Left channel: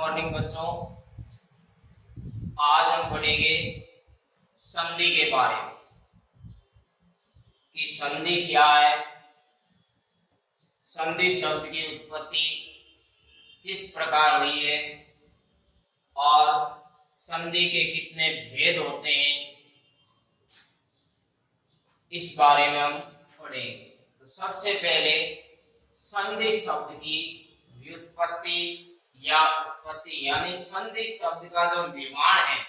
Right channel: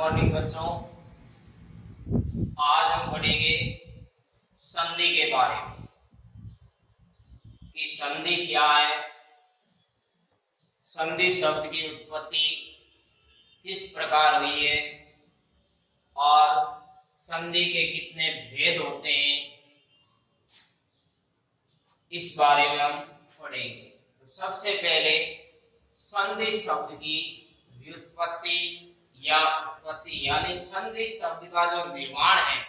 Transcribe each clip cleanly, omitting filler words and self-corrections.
Morning बच्चों, आज हम पढ़ेंगे संधि के बारे में कि संधि क्या है, संधि शब्द की उत्पत्ति किस प्रकार हुई है और संधि के कितने भेद होते हैं, इस बारे में हम पढ़ेंगे। तो सबसे पहले संधि शब्द की व्युत्पत्ति या उत्पत्ति यानी संधि शब्द का जो निर्माण है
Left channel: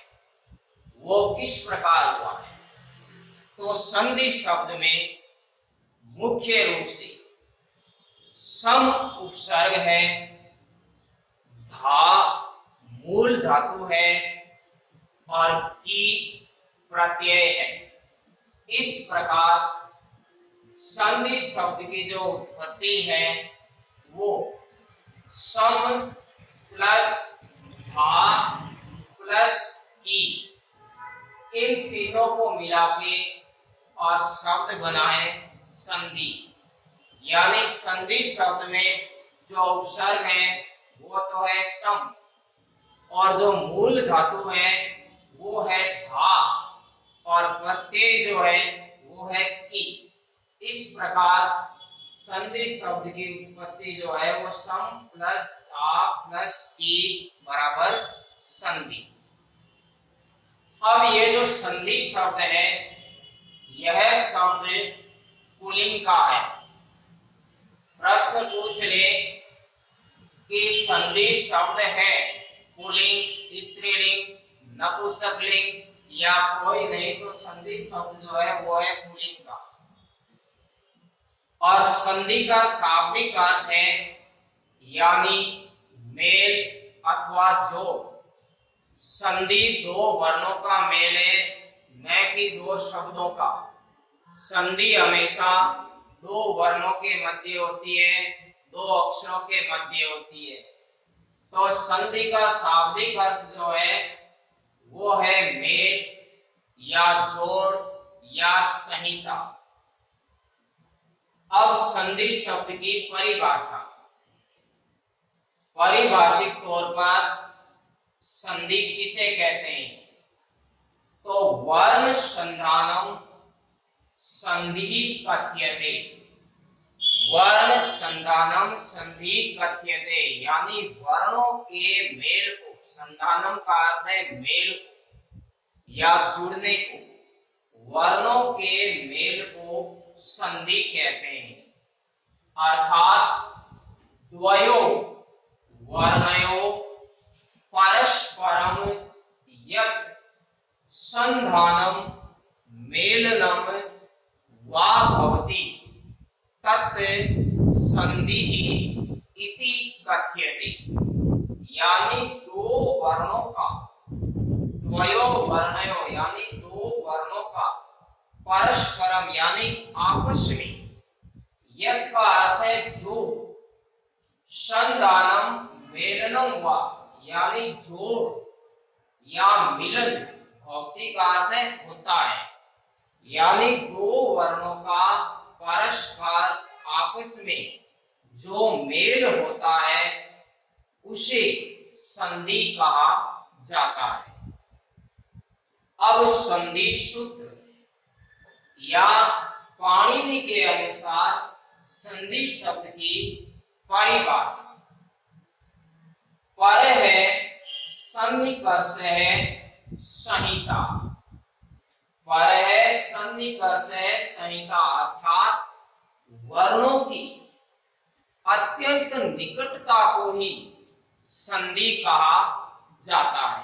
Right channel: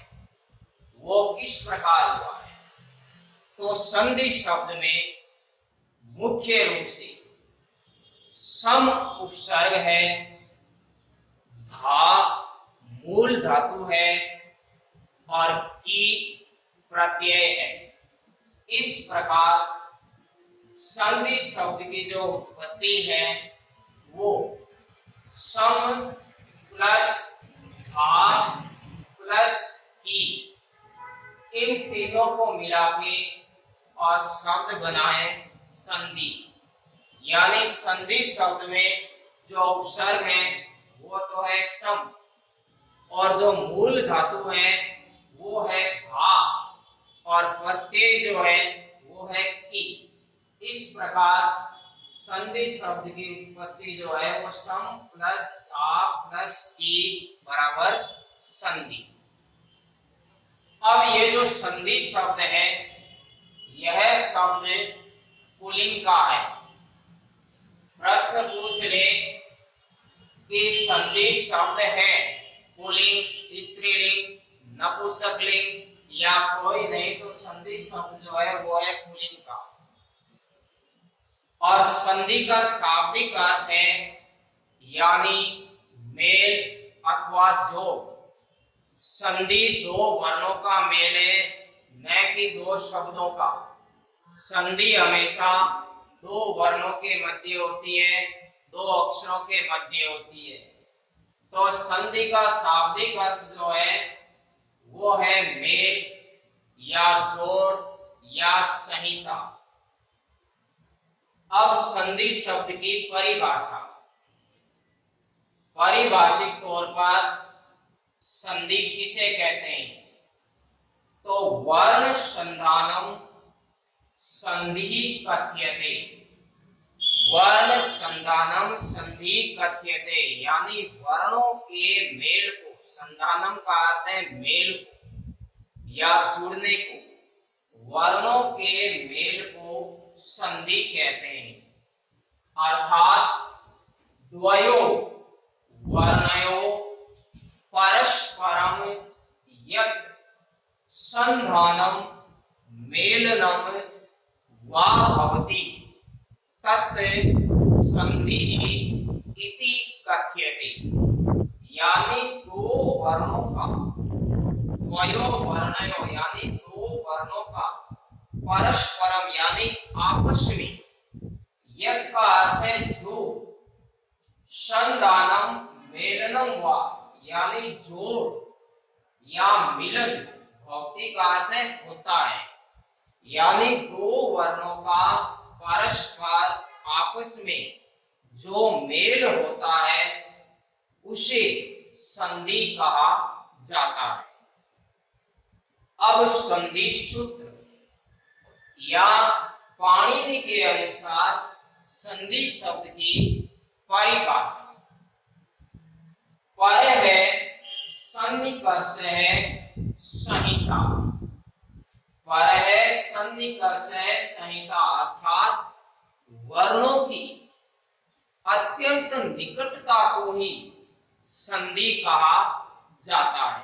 वो किस प्रकार हुआ है। तो संधि शब्द में मुख्य रूप से सम उपसर्ग है, धा मूल धातु है और की प्रत्यय है। इस प्रकार संधि शब्द की जो उत्पत्ति है वो सम प्लस धा प्लस की, इन तीनों को मिला के और शब्द बनाए संधि। यानी संधि शब्द में जो उपसर्ग है वो तो है सम और जो मूल धातु है वो है धा और प्रत्यय जो है वो है की। इस प्रकार संधि शब्द की उत्पत्ति जो है वो सम प्लस धा प्लस की बराबर संधि। अब ये जो संधि शब्द है यह शब्द पुल्लिंग का है। प्रश्न पूछ ले कि संधि शब्द है पुल्लिंग, स्त्रीलिंग, नपुंसकलिंग या कोई नहीं, तो संधि शब्द जो है वो है पुल्लिंग का। और संधि का शाब्दिक अर्थ है यानी मेल अथवा जोड़। संधि दो वर्णों का मेल है, न कि दो शब्दों का। संधि हमेशा दो वर्णों के मध्य होती है, दो अक्षरों के मध्य होती है। तो संधि का शाब्दिक अर्थ जो है वो है मेल या जोड़ या संहिता। अब संधि शब्द की परिभाषा। पारिभाषिक तौर पर संधि किसे कहते हैं? तो वर्ण संधानम संधि कथ्यते। वर्ण संधानम संधि कथ्यते यानी वर्णों के मेल को, संधानम का अर्थ है मेल को या जुड़ने को, वर्णों के मेल को संधि कहते हैं। अर्थात द्वयो वर्णयो परस्परम यत् संधानम मेलनम वा भवति तत् संधिः इति कथ्यते। यानी दो वर्णों का, द्वयो वर्णयो यानी दो वर्णों का, परस्परम यानी आपस में, यत् का अर्थ है जो, संधानम मेलनम वा यानी जोड़ या मिलन, भौतिक अर्थ है होता है। यानी दो वर्णों का परस्पर आपस में जो मेल होता है उसे संधि कहा जाता है। अब संधि सूत्र या पाणिनि के अनुसार संधि शब्द की परिभाषा। पर है सन्निकर्ष है संहिता। पर है सन्निकर्ष है संहिता अर्थात वर्णों की अत्यंत निकटता को ही संधि कहा जाता है।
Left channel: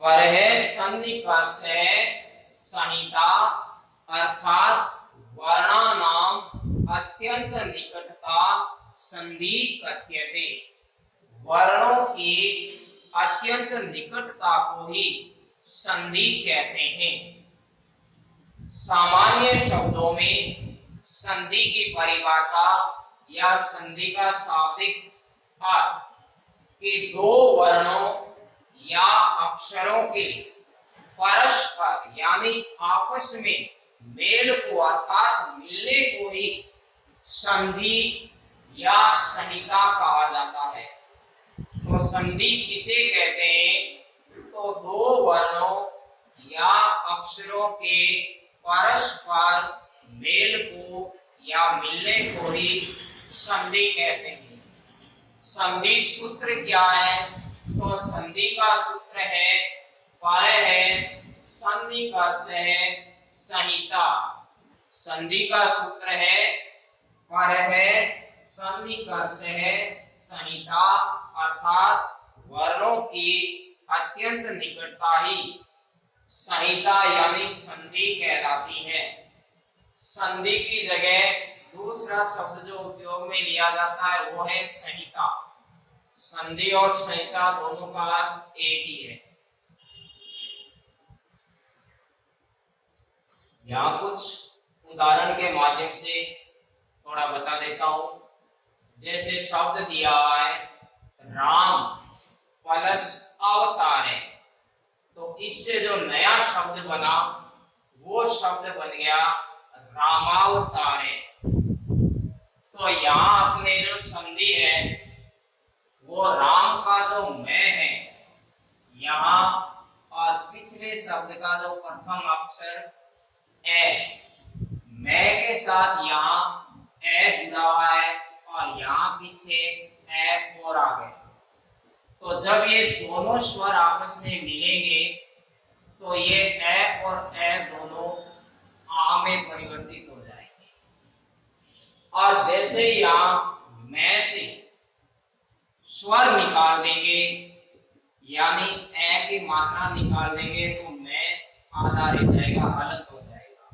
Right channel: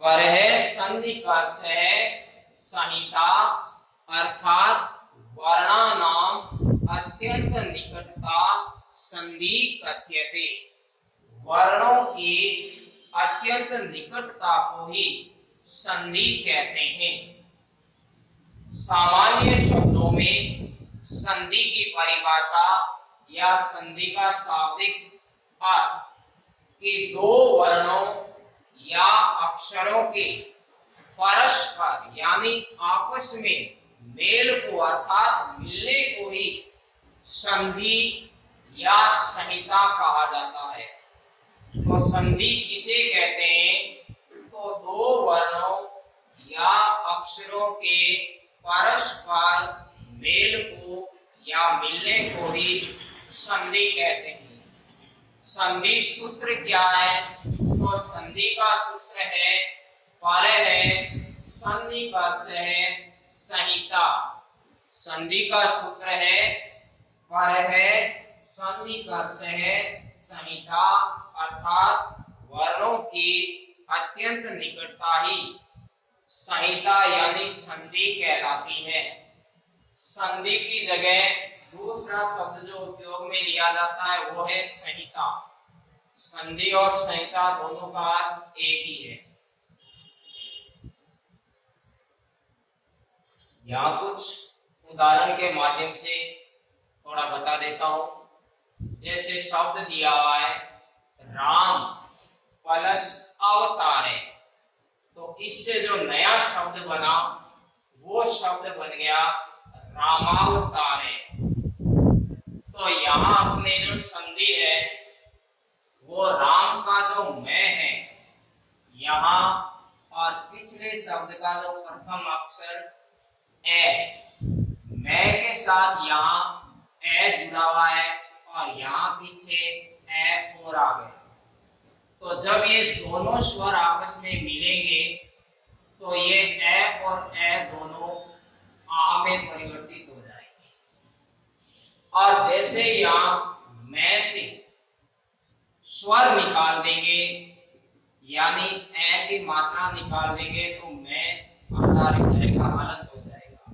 पर है सन्निकर्ष है संहिता अर्थात वर्णानाम अत्यंत निकटता संधि कथ्यते। वर्णों की अत्यंत निकटता को ही संधि कहते हैं। सामान्य शब्दों में संधि की परिभाषा या संधि का शाब्दिक अर्थ कि दो वर्णों या अक्षरों के परस्पर यानी आपस में मेल को अर्थात मिलने को ही संधि या संहिता कहा जाता है। तो तो संधि किसे कहते हैं? तो दो वर्णों या अक्षरों के परस्पर मेल को या मिलने को ही संधि कहते हैं। संधि सूत्र क्या है? तो संधि का सूत्र है पर है सन्निकर्ष है संहिता। संधि का सूत्र है पर है सन्निकर्ष है संहिता, अर्थात वर्णों की अत्यंत निकटता ही संहिता यानी संधि कहलाती है। संधि की जगह दूसरा शब्द जो उपयोग में लिया जाता है वो है संहिता। संधि और संहिता दोनों का अर्थ एक ही है। यहाँ कुछ उदाहरण के माध्यम से थोड़ा बता देता हूं। जैसे शब्द दिया हुआ है राम प्लस अवतार है, तो इससे जो नया शब्द बना वो शब्द बन गया रामावतार है। तो यहाँ अपने जो संधि है वो राम का जो मैं है यहाँ, और पिछले शब्द का जो प्रथम अक्षर ए, मैं के साथ यहाँ ए जुड़ा हुआ है और यहाँ पीछे ए और आ गया। तो जब ये दोनों स्वर आपस में मिलेंगे तो ये ए और ए दोनों आ में परिवर्तित हो जाएंगे। और जैसे यहाँ मैं से स्वर निकाल देंगे यानी ए की मात्रा निकाल देंगे तो मैं आधा रह जाएगा, हलंत हो जाएगा।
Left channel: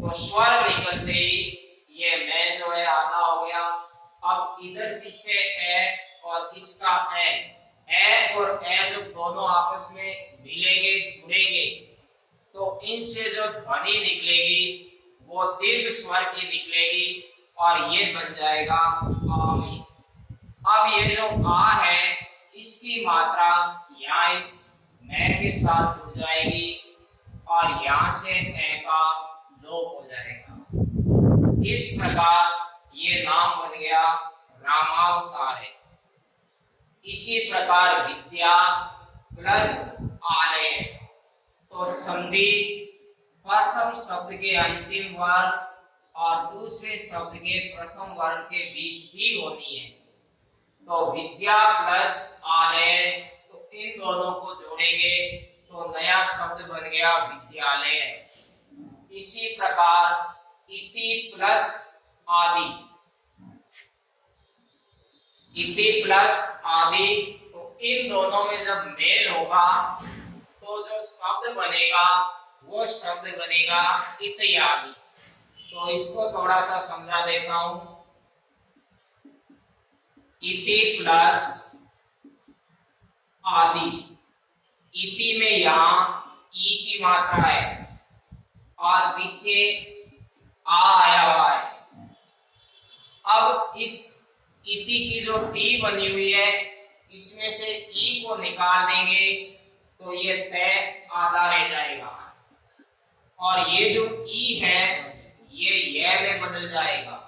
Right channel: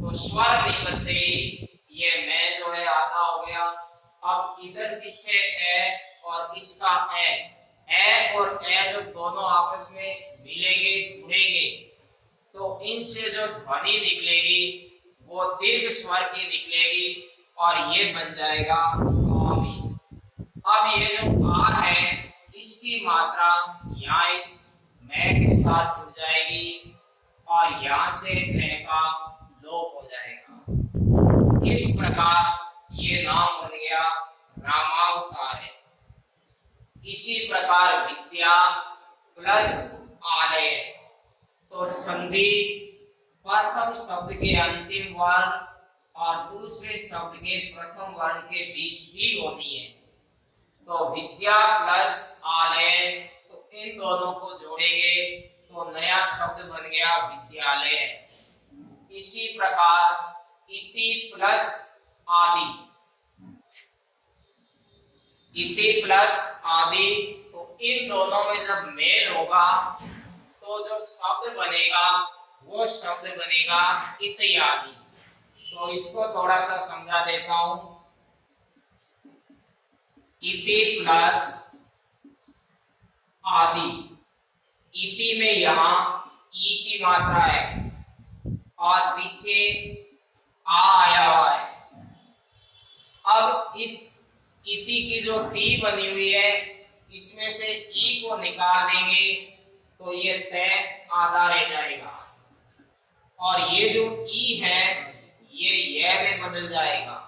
तो स्वर निकलते ही ये मैं जो है आधा हो गया। अब इधर पीछे ए और इसका ए और ए जब दोनों आपस में मिलेंगे जुड़ेंगे तो इनसे जो ध्वनि निकलेगी वो दीर्घ स्वर की निकलेगी और ये बन जाएगा आमी। अब ये जो आ है इसकी मात्रा यहाँ इस मैं के साथ जुड़ जाएगी और यहाँ से ए का लोप हो जाएगा। इस प्रकार ये नाम बन गया रामावतार है। इसी प्रकार विद्या प्लस आलय, तो संधि प्रथम शब्द के अंतिम वर्ण और दूसरे शब्द के प्रथम वर्ण के बीच भी होती है। तो विद्या प्लस आलय, तो इन दोनों को जोड़ेंगे तो नया शब्द बन गया विद्यालय। इसी प्रकार इति प्लस आदि, इति प्लस आदि, तो इन दोनों में जब मेल होगा तो जो शब्द बनेगा वो शब्द बनेगा इत्यादि। तो इसको थोड़ा सा समझा देता हूं। इति प्लस आदि, इति में यहां ई की मात्रा है और पीछे आ आया हुआ है। अब इस इति की जो ती बनी हुई है इसमें से ई को निकाल देंगे तो ये तय आधा रह जाएगा और ये जो ई है ये में बदल जाएगा।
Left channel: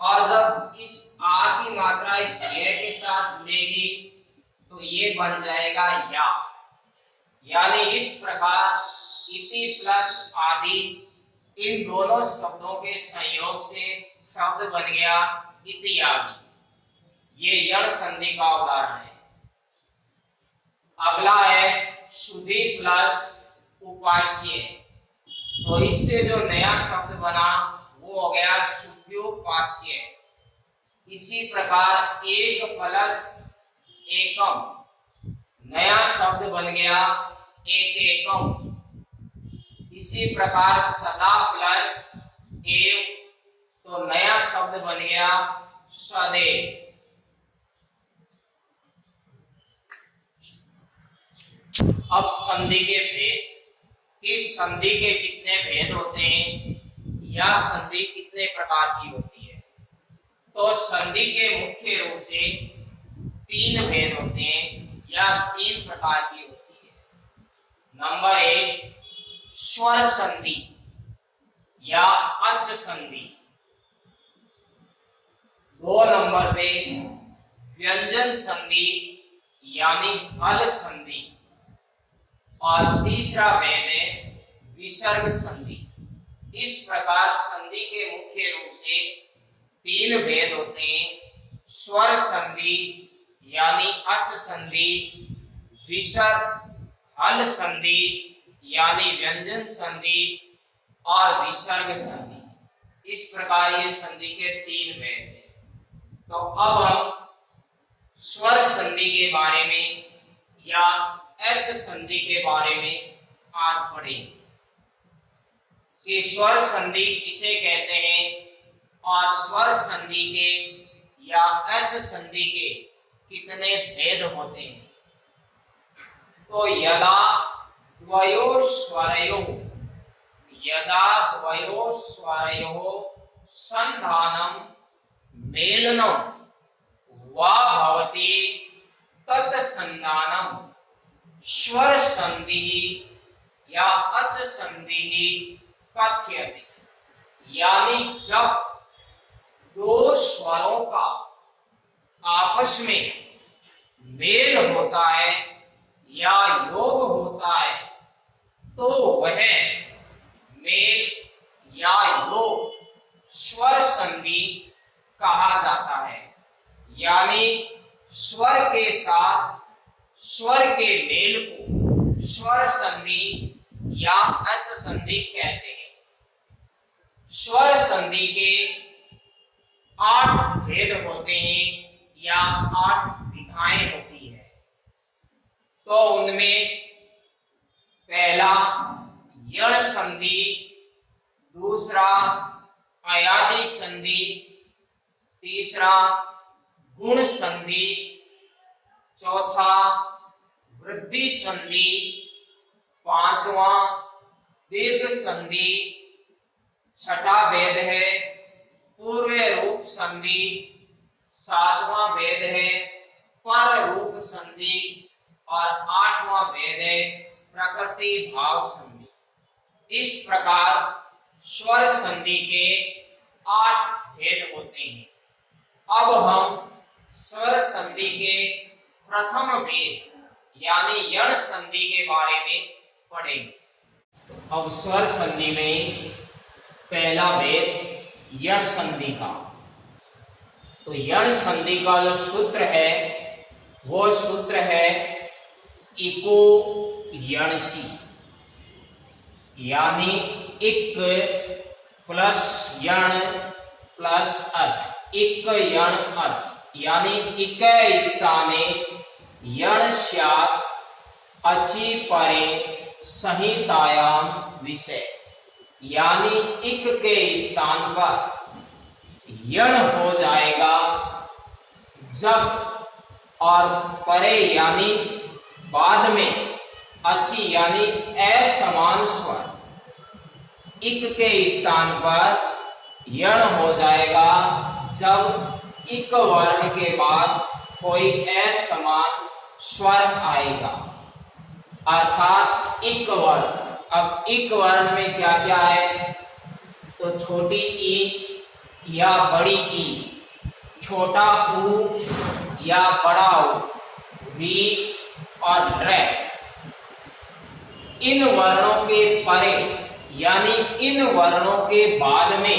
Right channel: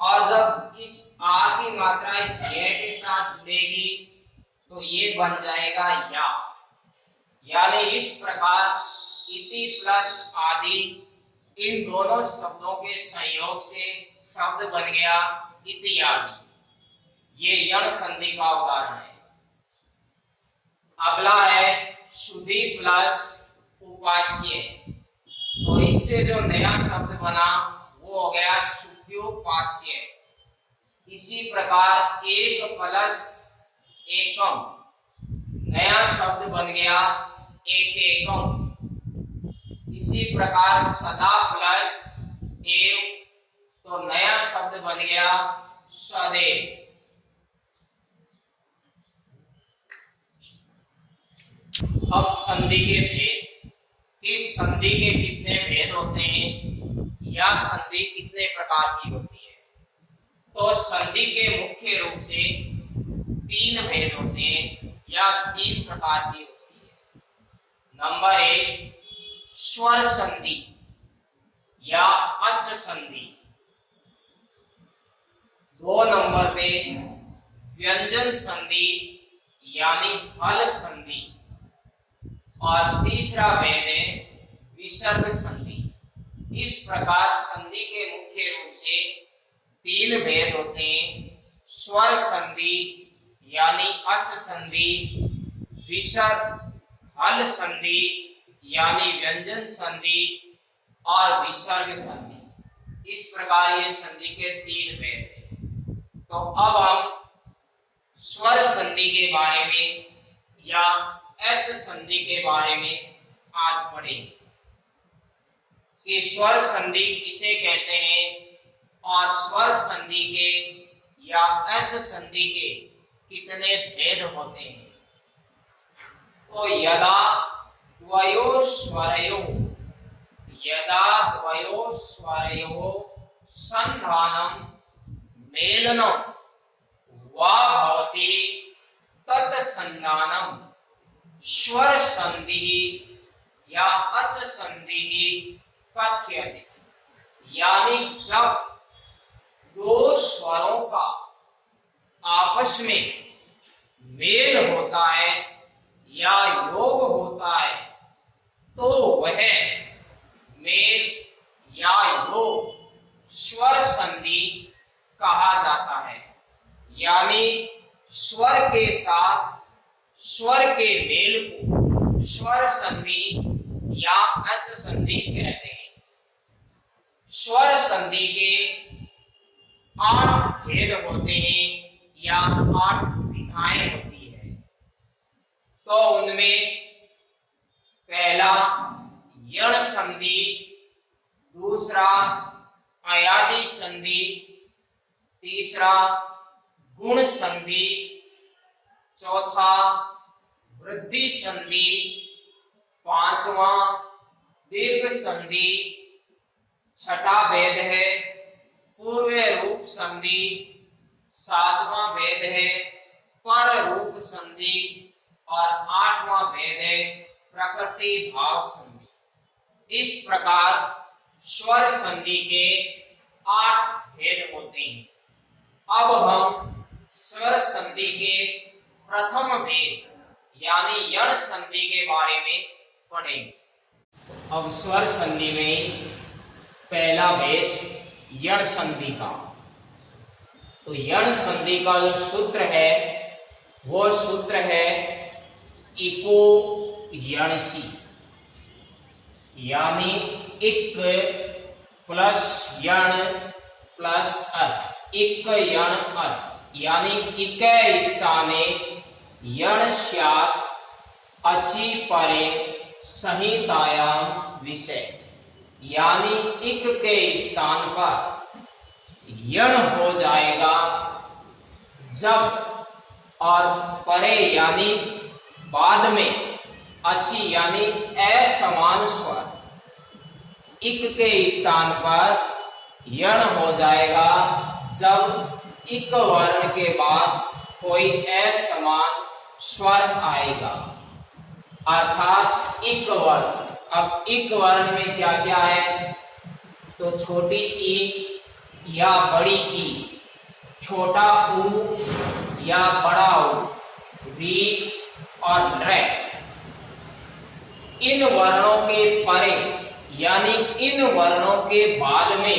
और जब इस आ की मात्रा इस ये के साथ जुड़ेगी तो ये बन जाएगा या। यानी इस प्रकार इति प्लस आदि इन दोनों शब्दों के संयोग से शब्द बन गया इत्यादि। ये यण संधि का उदाहरण है। अगला है शुद्धि प्लस उपास्य, तो इससे जो नया शब्द बना वो हो गया शुद्ध्योपास्य। इसी प्रकार एक प्लस एकम, नया शब्द बन गया एक एकम। इसी प्रकार सदा प्लस एव, तो नया शब्द बन गया सदैव। अब संधि के भेद, इस संधि के कितने भेद होते हैं या संधि कितने प्रकार की होती है? तो संधि के मुख्य रूप से 3 भेद होते हैं या 3 प्रकार की होती है। नंबर 1 स्वर संधि या अच संधि। 2 नंबर पे व्यंजन संधि यानी हल संधि, और तीसरा भेद है विसर्ग संधि। इस प्रकार संधि के मुख्य रूप से 3 भेद होते हैं: स्वर संधि यानी अच संधि, विसर्ग हल संधि यानी व्यंजन संधि, और विसर्ग संधि। इस प्रकार ये संधि के 3 भेद हैं। तो अब हम स्वर संधि के बारे में या एच संधि के बारे में आज पढ़ेंगे कि स्वर संधि किसे कहते हैं और स्वर संधि के या एच संधि के कितने भेद होते हैं। तो यदा द्वयो स्वरयोः संधानं मेलनं वा भवति तत्संधानं स्वर संधि या अच संधि कथ्यते। यानी जब 2 स्वरों का आपस में मेल होता है या योग होता है तो वह मेल या योग स्वर संधि कहा जाता है। यानी स्वर के साथ स्वर के मेल को स्वर संधि या अच संधि कहते हैं। स्वर संधि के 8 भेद होते हैं या 8 विधाएं होती है। तो उनमें पहला यण संधि, दूसरा अयादि संधि, तीसरा गुण संधि, चौथा वृद्धि संधि, पांचवा दीर्घ संधि, छठा भेद है पूर्व रूप संधि, सातवां भेद है पर रूप संधि, और 8वां भेद है प्रकृति भाव संधि। इस प्रकार स्वर संधि के 8 भेद होते हैं। अब हम स्वर संधि के प्रथम भेद यानी यण संधि के बारे में पढ़ेंगे। अब स्वर संधि में पहला भेद यण संधि का। तो यण संधि का जो सूत्र है वो सूत्र है इको यणसी, यानी इक प्लस यण प्लस अर्थ, इक यण अर्थ, यानी इके स्थाने यण स्यात् अचि परे संहितायाम विषय। यानी इक के स्थान पर यण हो जाएगा जब, और परे यानी बाद में अचि यानी असमान स्वर, इक के स्थान पर यण हो जाएगा जब इक वर्ण के बाद कोई असमान स्वर आएगा, अर्थात इक वर्ण। अब इक वर्ण में क्या क्या है? तो छोटी ई या बड़ी ई, छोटा ऊ या बड़ा ऊ, री और ड्रे। इन वर्णों के परे यानी इन वर्णों के बाद में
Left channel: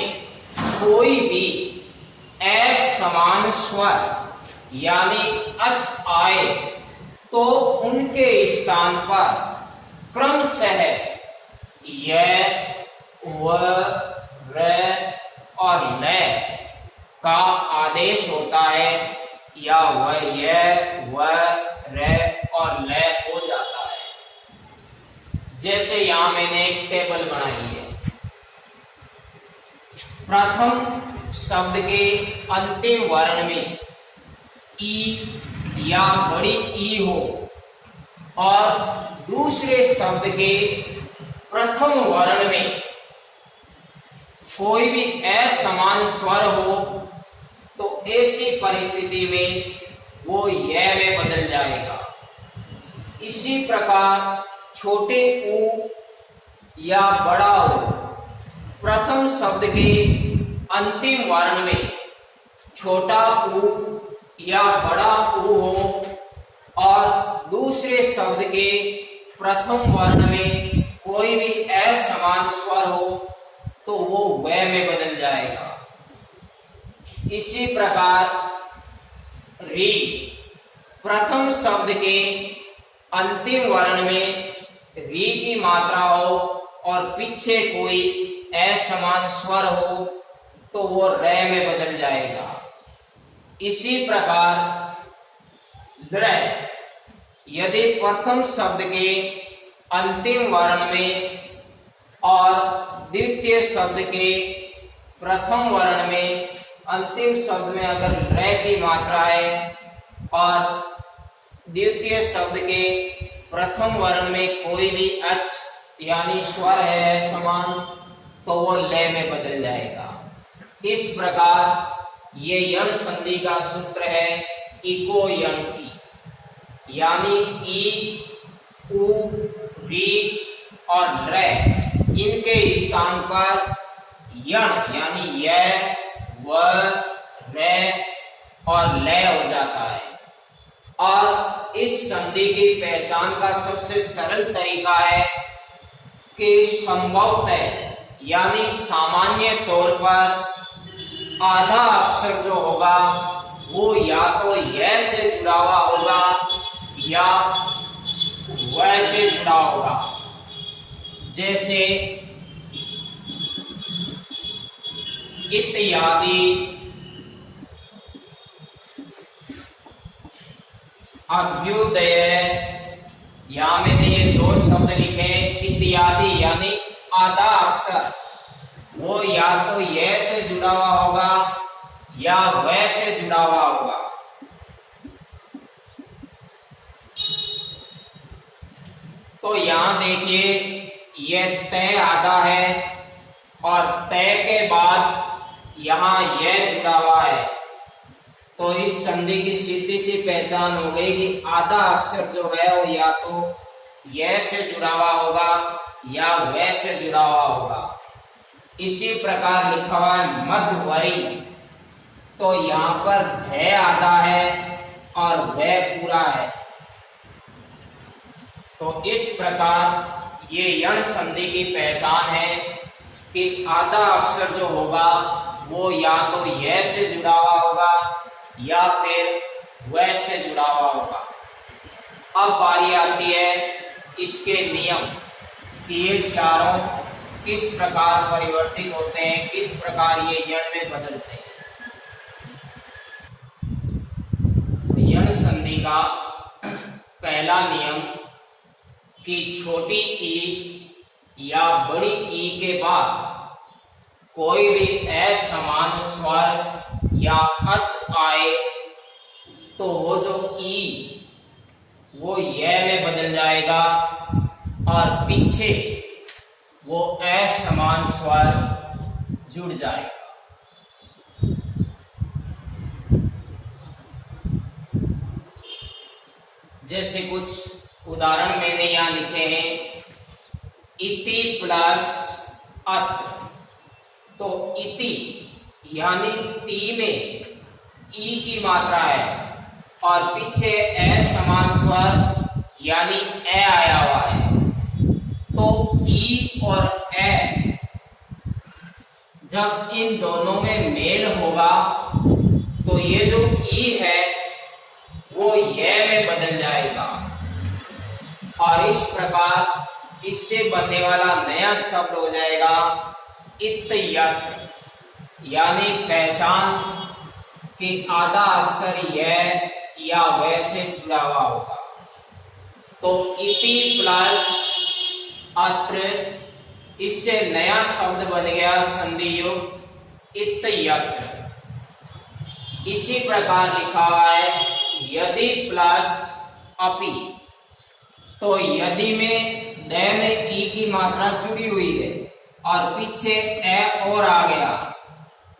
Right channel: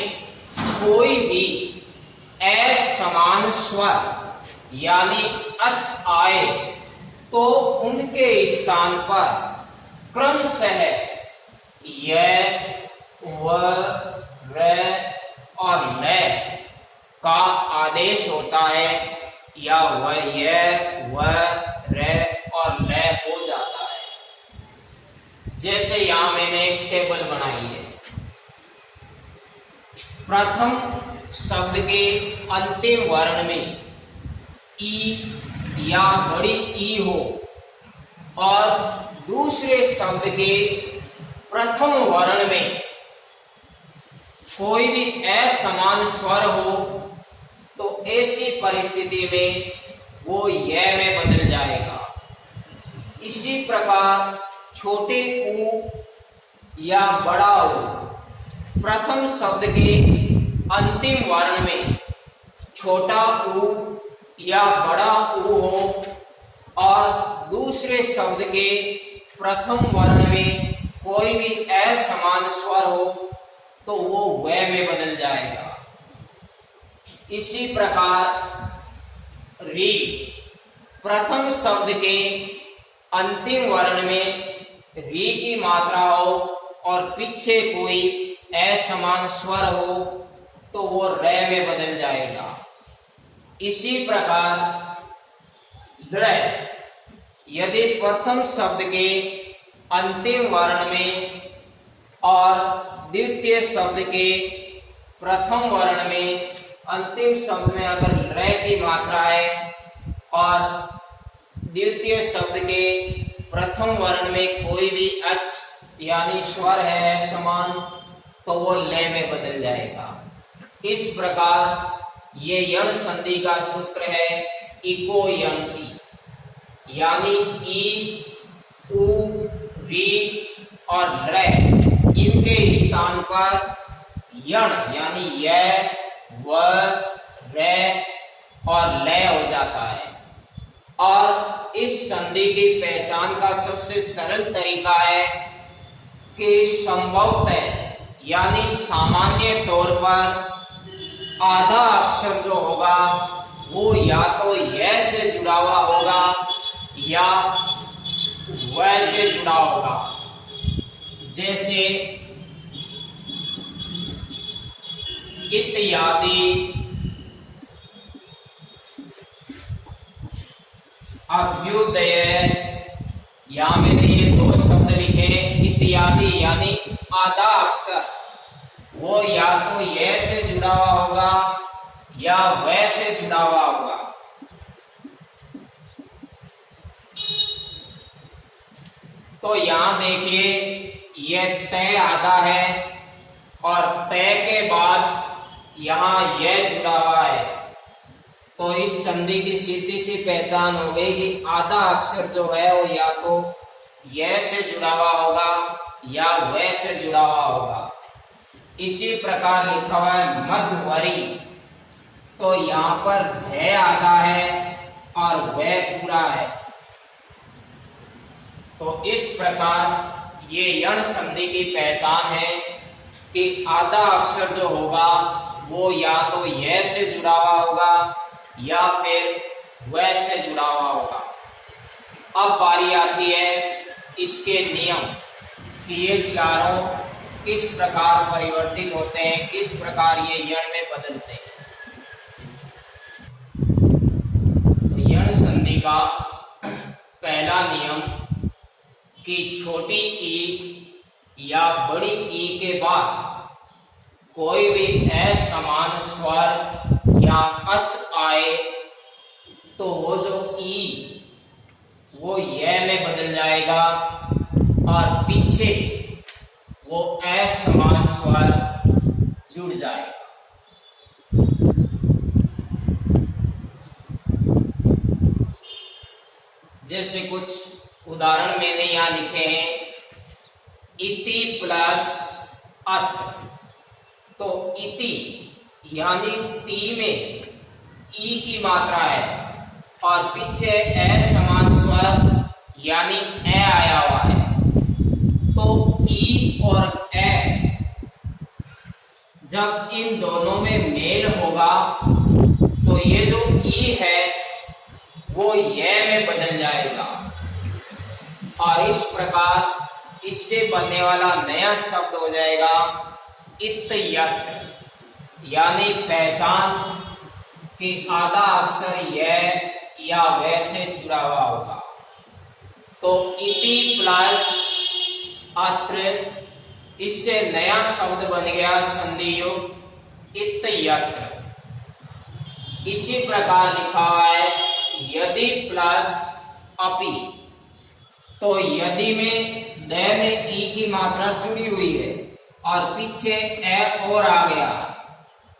कोई भी असमान स्वर यानी अच आए तो उनके स्थान पर क्रमशः य, व, र और ल का आदेश होता है, या व, य, व, र और ल हो जाता है। जैसे यहां मैंने एक टेबल बनाई है। प्रथम शब्द के अंतिम वर्ण में ई या बड़ी ई हो और दूसरे शब्द के प्रथम वर्ण में कोई भी असमान स्वर हो तो ऐसी परिस्थिति में वो य में बदल जाएगा। इसी प्रकार छोटे ऊ या बड़ा ऊ प्रथम शब्द के अंतिम वर्ण में छोटा ऊ या बड़ा ऊ हो और दूसरे शब्द के प्रथम वर्ण में कोई भी असमान स्वर हो तो वो व में बदल जाएगा। इसी प्रकार री प्रथम शब्द के अंतिम वर्ण में री की मात्रा हो और पीछे कोई असमान स्वर हो तो वो रे में बदल जाएगा। इसी प्रकार द्र यदि प्रथम शब्द के अंतिम वर्ण में और द्वितीय शब्द के प्रथम वर्ण में अंतिम शब्द में अगर रे की मात्रा है और द्वितीय शब्द के प्रथम वर्ण में कोई भी अच यानी स्वर है समान तो वो ले में बदल जाएगा। इस प्रकार ये यण संधि का सूत्र है इको यंची, यानी ई, उ, री और रे इनके स्थान पर यण यानी य, व, रे और ले हो जाता है। और इस संधि की पहचान का सबसे सरल तरीका है कि संभवतः यानी सामान्य तौर पर आधा अक्षर जो होगा वो या तो य से जुड़ा हुआ होगा या व से जुड़ा होगा। जैसे इत्यादि, अभ्युदय, यहां मैंने ये दो शब्द लिखे इत्यादि यानी आधा अक्षर वो या तो ये से जुड़ा हुआ होगा या व से जुड़ा हुआ होगा। तो यहां देखिए ये तय आधा है और तय के बाद यहां यह जुड़ा हुआ है तो इस संधि की सीधी सी पहचान हो गई कि आधा अक्षर जो है वो या तो यह से जुड़ा हुआ होगा या व से जुड़ा हुआ होगा। इसी प्रकार लिखा हुआ है मध्यवरी, तो यहां पर ध आधा है और व पूरा है। तो इस प्रकार ये यण संधि की पहचान है कि आधा अक्षर जो होगा वो या तो य से जुड़ा हुआ होगा या फिर व से जुड़ा हुआ होगा। अब बारी आती है इसके नियम कि ये चारों किस प्रकार परिवर्तित होते हैं, किस प्रकार ये यण में बदलते हैं। यण संधि का पहला नियम कि छोटी ई या बड़ी ई के बाद कोई भी असमान स्वर या अच आए तो वो जो ई वो य में बदल जाएगा और पीछे वो असमान स्वर जुड़ जाएगा। जैसे कुछ उदाहरण मैंने यहां लिखे हैं, इति प्लस अत, तो इति यानी ती में ई की मात्रा है और पीछे असमान स्वर यानी ए आया हुआ है, तो ई और ए जब इन दोनों में मेल होगा तो ये जो ई है वो य में बदल जाएगा और इस प्रकार इससे बनने वाला नया शब्द हो जाएगा इत्यत, यानी पहचान कि आधा अक्षर य या व से जुड़ा हुआ होगा। तो इति प्लस अत्र, इससे नया शब्द बन गया संधि युक्त इत्यत्र। इसी प्रकार लिखा हुआ है यदि प्लस अपि, तो यदि में द में ई की मात्रा जुड़ी हुई है और पीछे ए और आ गया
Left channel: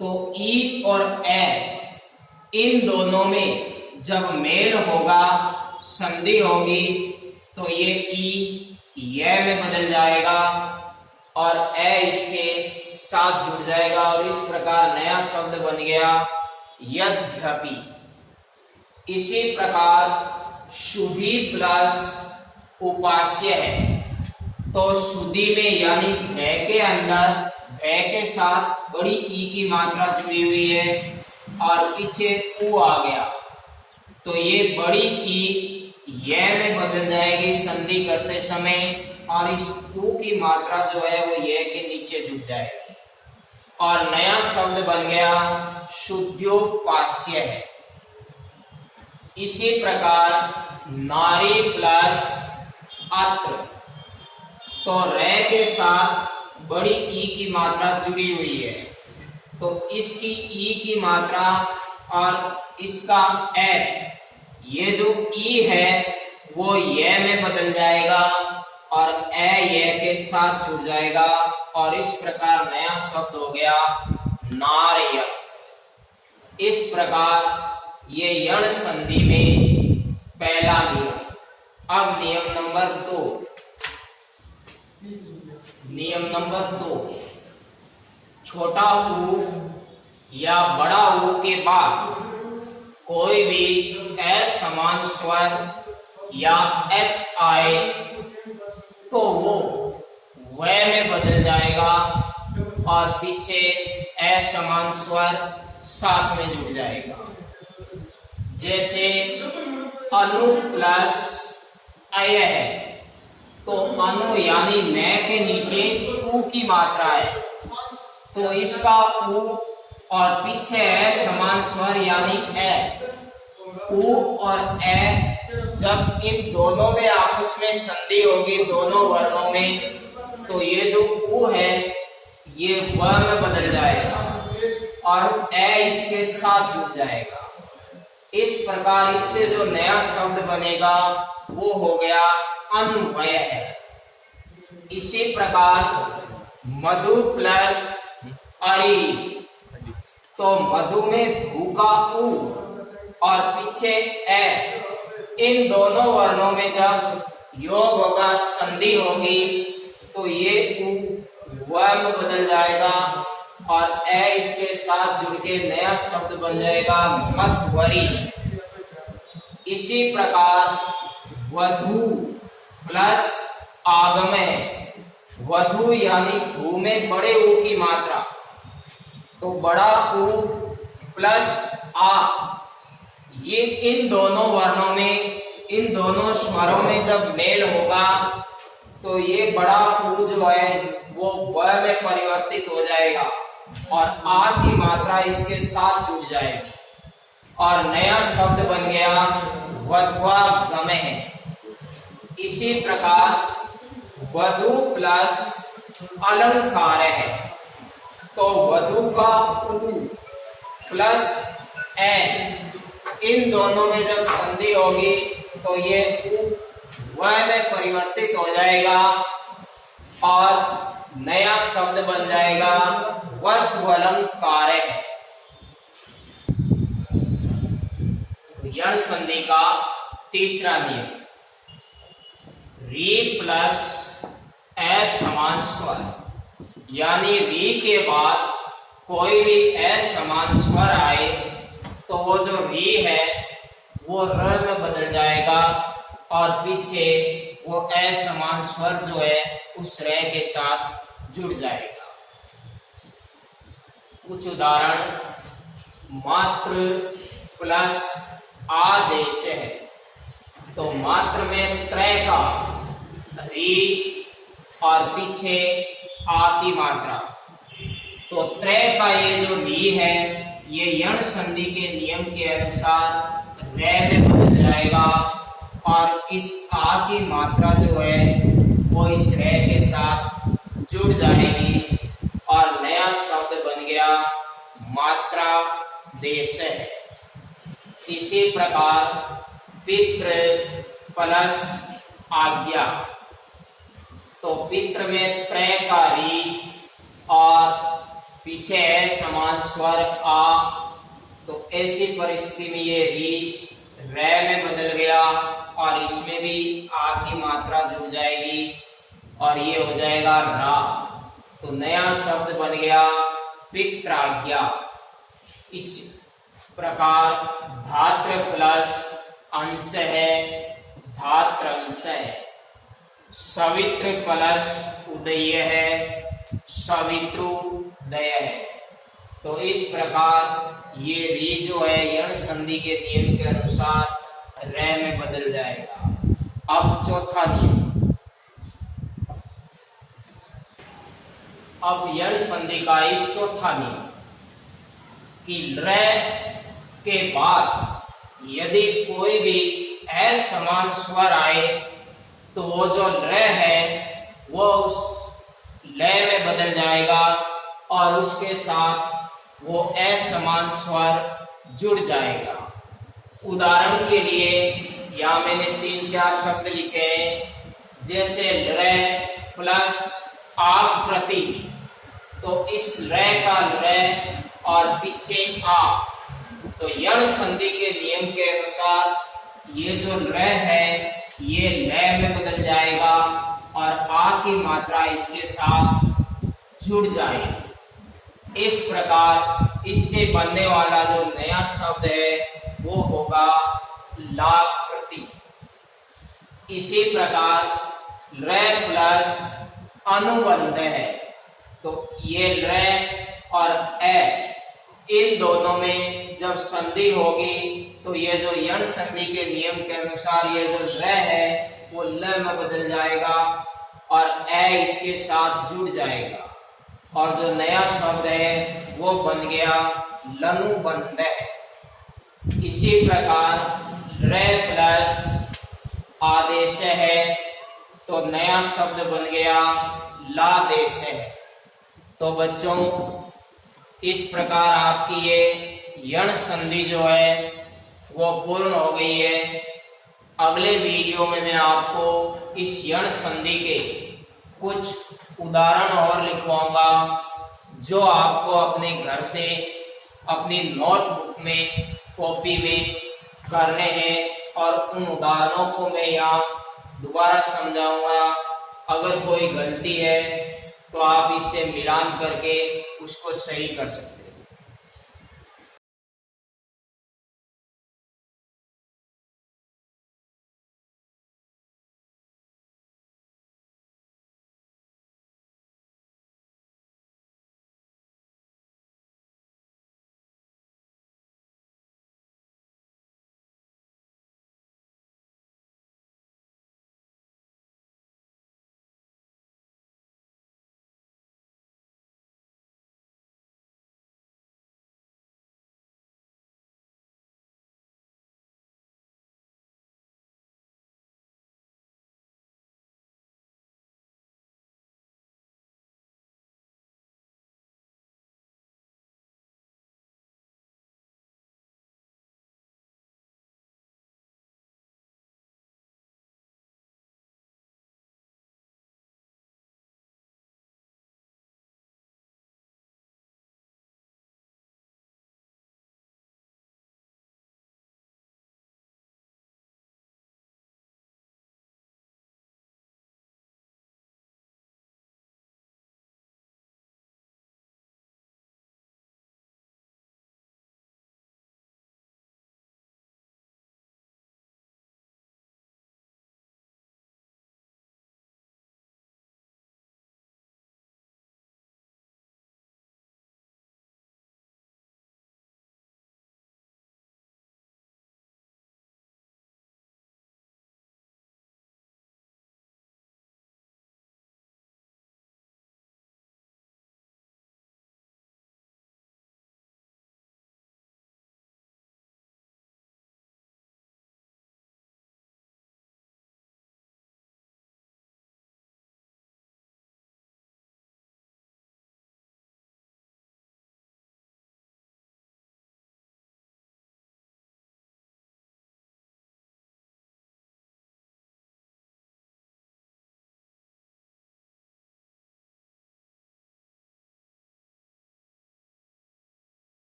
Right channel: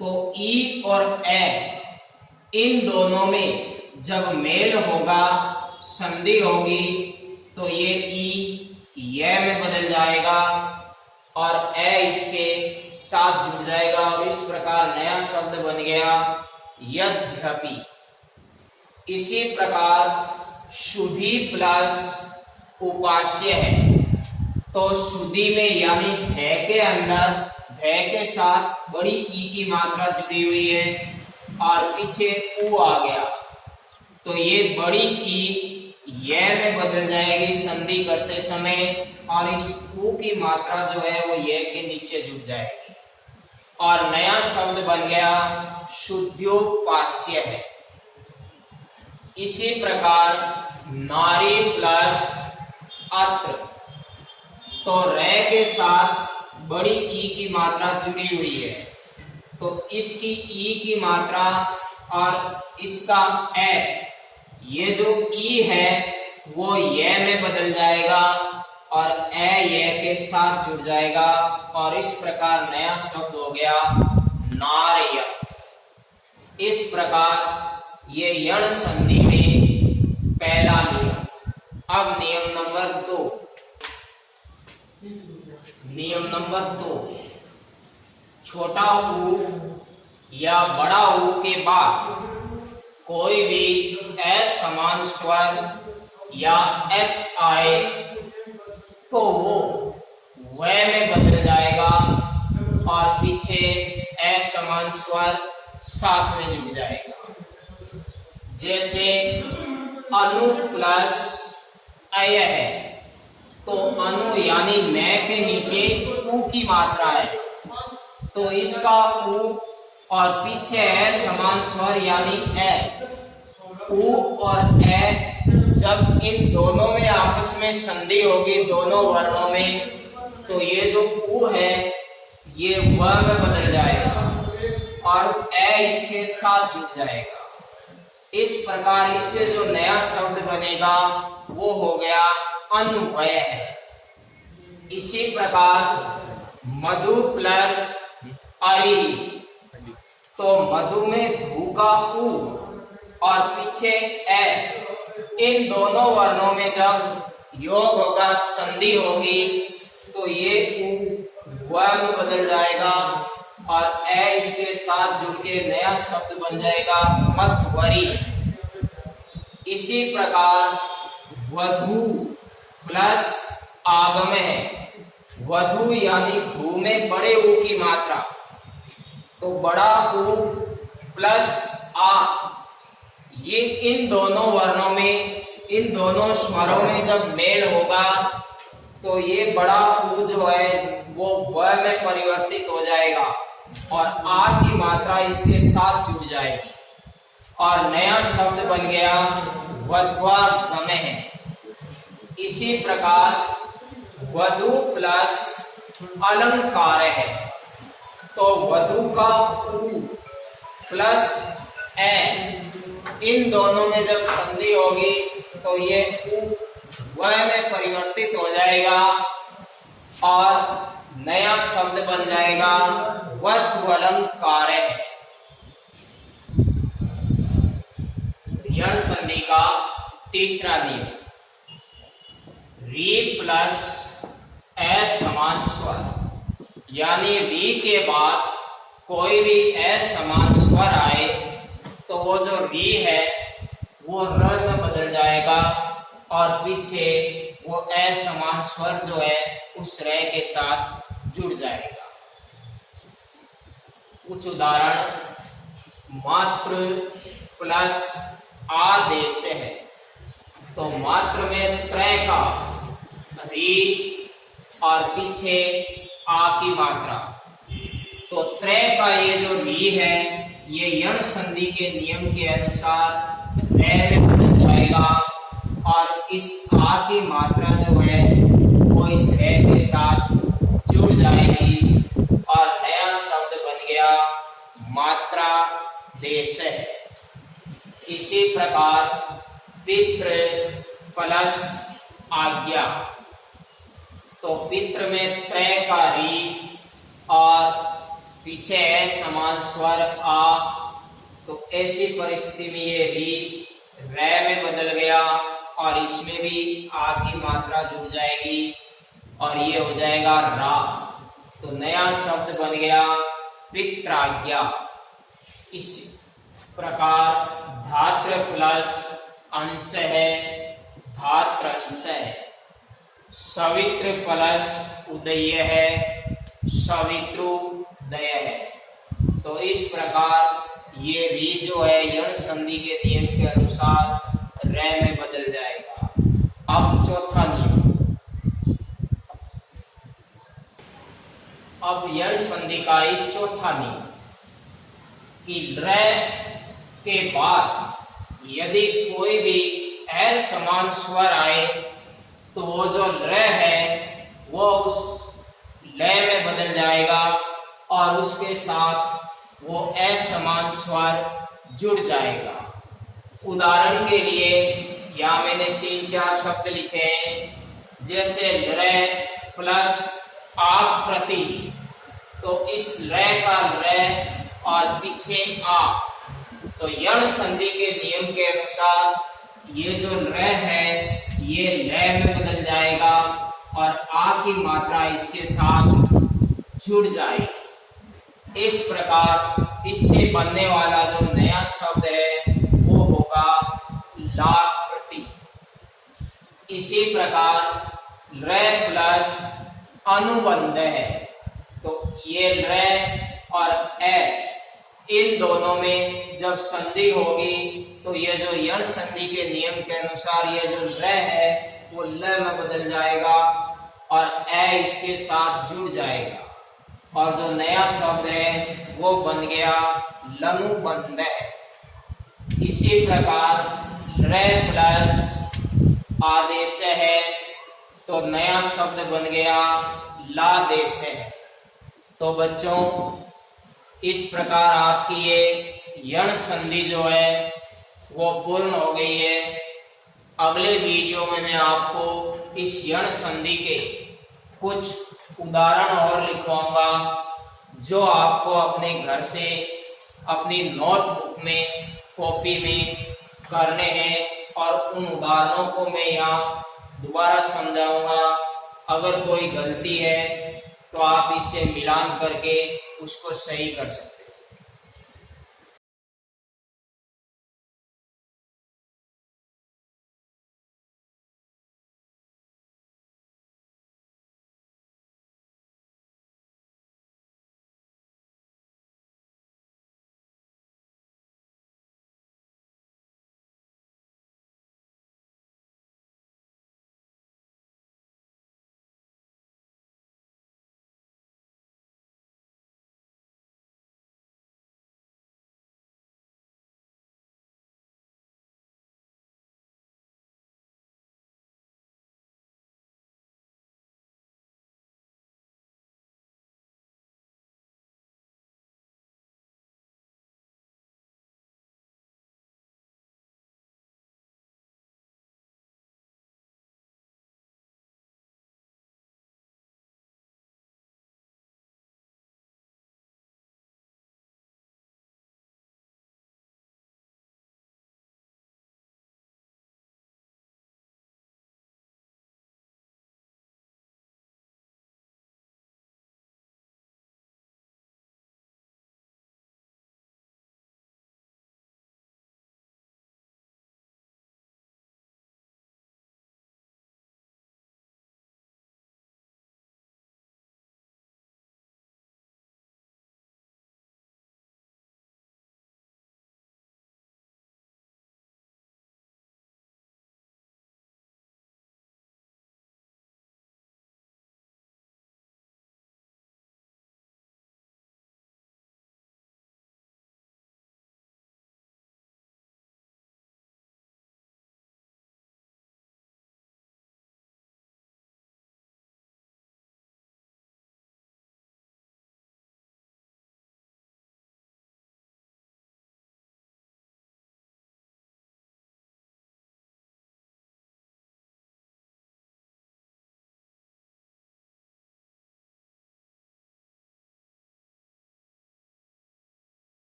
तो ई और ए इन दोनों में जब मेल होगा, संधि होगी, तो ये ई य में बदल जाएगा और ए इसके साथ जुड़ जाएगा और इस प्रकार नया शब्द बन गया यद्यपि। इसी प्रकार शुद्धि प्लस उपास्य है, तो शुद्धि में यानी ध के अंदर ध के साथ बड़ी ई की मात्रा जुड़ी हुई है और पीछे उ आ गया, तो ये बड़ी ई ये में बदल जाएगी संधि करते समय और इस उ की मात्रा जो है वो ये के नीचे जुड़ जाएगी और नया शब्द बन गया शुद्धोपास्य है। इसी प्रकार नारी प्लस अत्र, तो रे के साथ बड़ी ई की मात्रा जुड़ी हुई है, तो इसकी ई की मात्रा और इसका ए, ये जो ई है वो ये में बदल जाएगा और ए ये के साथ जुड़ जाएगा और इस प्रकार नया शब्द हो गया नार्य। इस प्रकार ये यण संधि में पहला नियम। अब नियम नंबर 2। नियम नंबर 2, छोटा ऊ या बड़ा ऊ के बाद कोई भी असमान स्वर या एच आए तो वो व में बदल जाएगा और पीछे असमान स्वर साथ में जुड़ जाएगा। जैसे अनु प्लस अय है, तो अनु यानी न के नीचे उ की मात्रा है, तो इसका उ और पीछे है समान स्वर यानी ए। उ और ए जब इन दोनों में आपस में संधि होगी दोनों वर्णों में, तो ये जो उ है ये व में बदल जाएगा और ए इसके साथ जुड़ जाएगा। इस प्रकार इससे जो नया शब्द बनेगा वो हो गया अनुअय है। इसी प्रकार मधु प्लस अरि, तो मधु में धू का उ और पीछे ए, इन दोनों वर्णों में जब योग होगा संधि होगी तो ये उ व में बदल जाएगा और ए इसके साथ जुड़ के नया शब्द बन जाएगा मध्वरी। इसी प्रकार वधु प्लस आगमय, वधु यानी धू में बड़े ऊ की मात्रा, तो बड़ा ऊ प्लस आ, ये इन दोनों वर्णों में इन दोनों स्वरों में जब मेल होगा तो ये बड़ा ऊ जो है वो व में परिवर्तित हो जाएगा और आ की मात्रा इसके साथ जुड़ जाएगी और नया शब्द बन गया वध्वागमय। इसी प्रकार वधु प्लस अलंकार है, तो वधु का उ प्लस ए, इन दोनों में जब संधि होगी तो ये उ व में परिवर्तित हो जाएगा और नया शब्द बन जाएगा वध्वलंकार। यण संधि का तीसरा नियम, री प्लस असमान स्वर, यानी री के बाद कोई भी असमान स्वर आए तो वो जो री है वो र में बदल जाएगा और पीछे वो असमान स्वर जो है उस रे के साथ जुड़ जाएगा। कुछ उदाहरण, मात्र प्लस आदेश है, तो मात्र में त्रय का री और पीछे आ की मात्रा, तो त्रय का ये जो री है ये यण संधि के नियम के अनुसार रे में बदल जाएगा और इस आ की मात्रा जो है वो इस रे के साथ जुड़ जाएगी और नया शब्द बन गया मात्रा देश है। इसी प्रकार पितृ प्लस आज्ञा, तो पितृ में त्रय का री और पीछे है समान स्वर आ, तो ऐसी परिस्थिति में ये री रे में बदल गया और इसमें भी आ की मात्रा जुड़ जाएगी और ये हो जाएगा रा, तो नया शब्द बन गया पित्राज्ञा। प्रकार धात्र प्लस अंश है, धात्र अंश है। सवित्र प्लस उदय है, सवित्रोदय है। तो इस प्रकार ये भी जो है यण संधि के नियम के अनुसार रे में बदल जाएगा। अब चौथा नियम, अब यण संधि का एक चौथा नियम कि रे के बाद यदि कोई भी असमान स्वर आए तो वो जो र है वो उस लय में बदल जाएगा और उसके साथ वो असमान स्वर जुड़ जाएगा। उदाहरण के लिए यहाँ मैंने 3-4 शब्द लिखे हैं, जैसे र प्लस आप प्रति, तो इस र का र और पीछे आ, तो यण संधि के नियम के अनुसार ये जो र है ये लय में बदल जाएगा और आ की मात्रा इसके साथ जुड़ जाएगी। इस प्रकार इससे बनने वाला जो नया शब्द है वो होगा लाकृति। इसी प्रकार र प्लस अनुबंध है, तो ये र और ए इन दोनों में जब संधि होगी तो ये जो यण संधि के नियम के अनुसार ये जो र है वो ल में बदल जाएगा और ए इसके साथ जुड़ जाएगा और जो नया शब्द है वो बन गया लनुबंध। इसी प्रकार र प्लस आदेश है तो नया शब्द बन गया लादेश है। तो बच्चों इस प्रकार आपकी ये यण संधि जो है वो पूर्ण हो गई है। अगले वीडियो में मैं आपको इस यण संधि के कुछ उदाहरण और लिखवाऊंगा जो आपको अपने घर से अपनी नोटबुक में कॉपी में करने हैं और उन उदाहरणों को मैं यहाँ दोबारा समझाऊंगा। अगर कोई गलती है तो आप इससे मिलान करके उसको सही कर सकते हैं।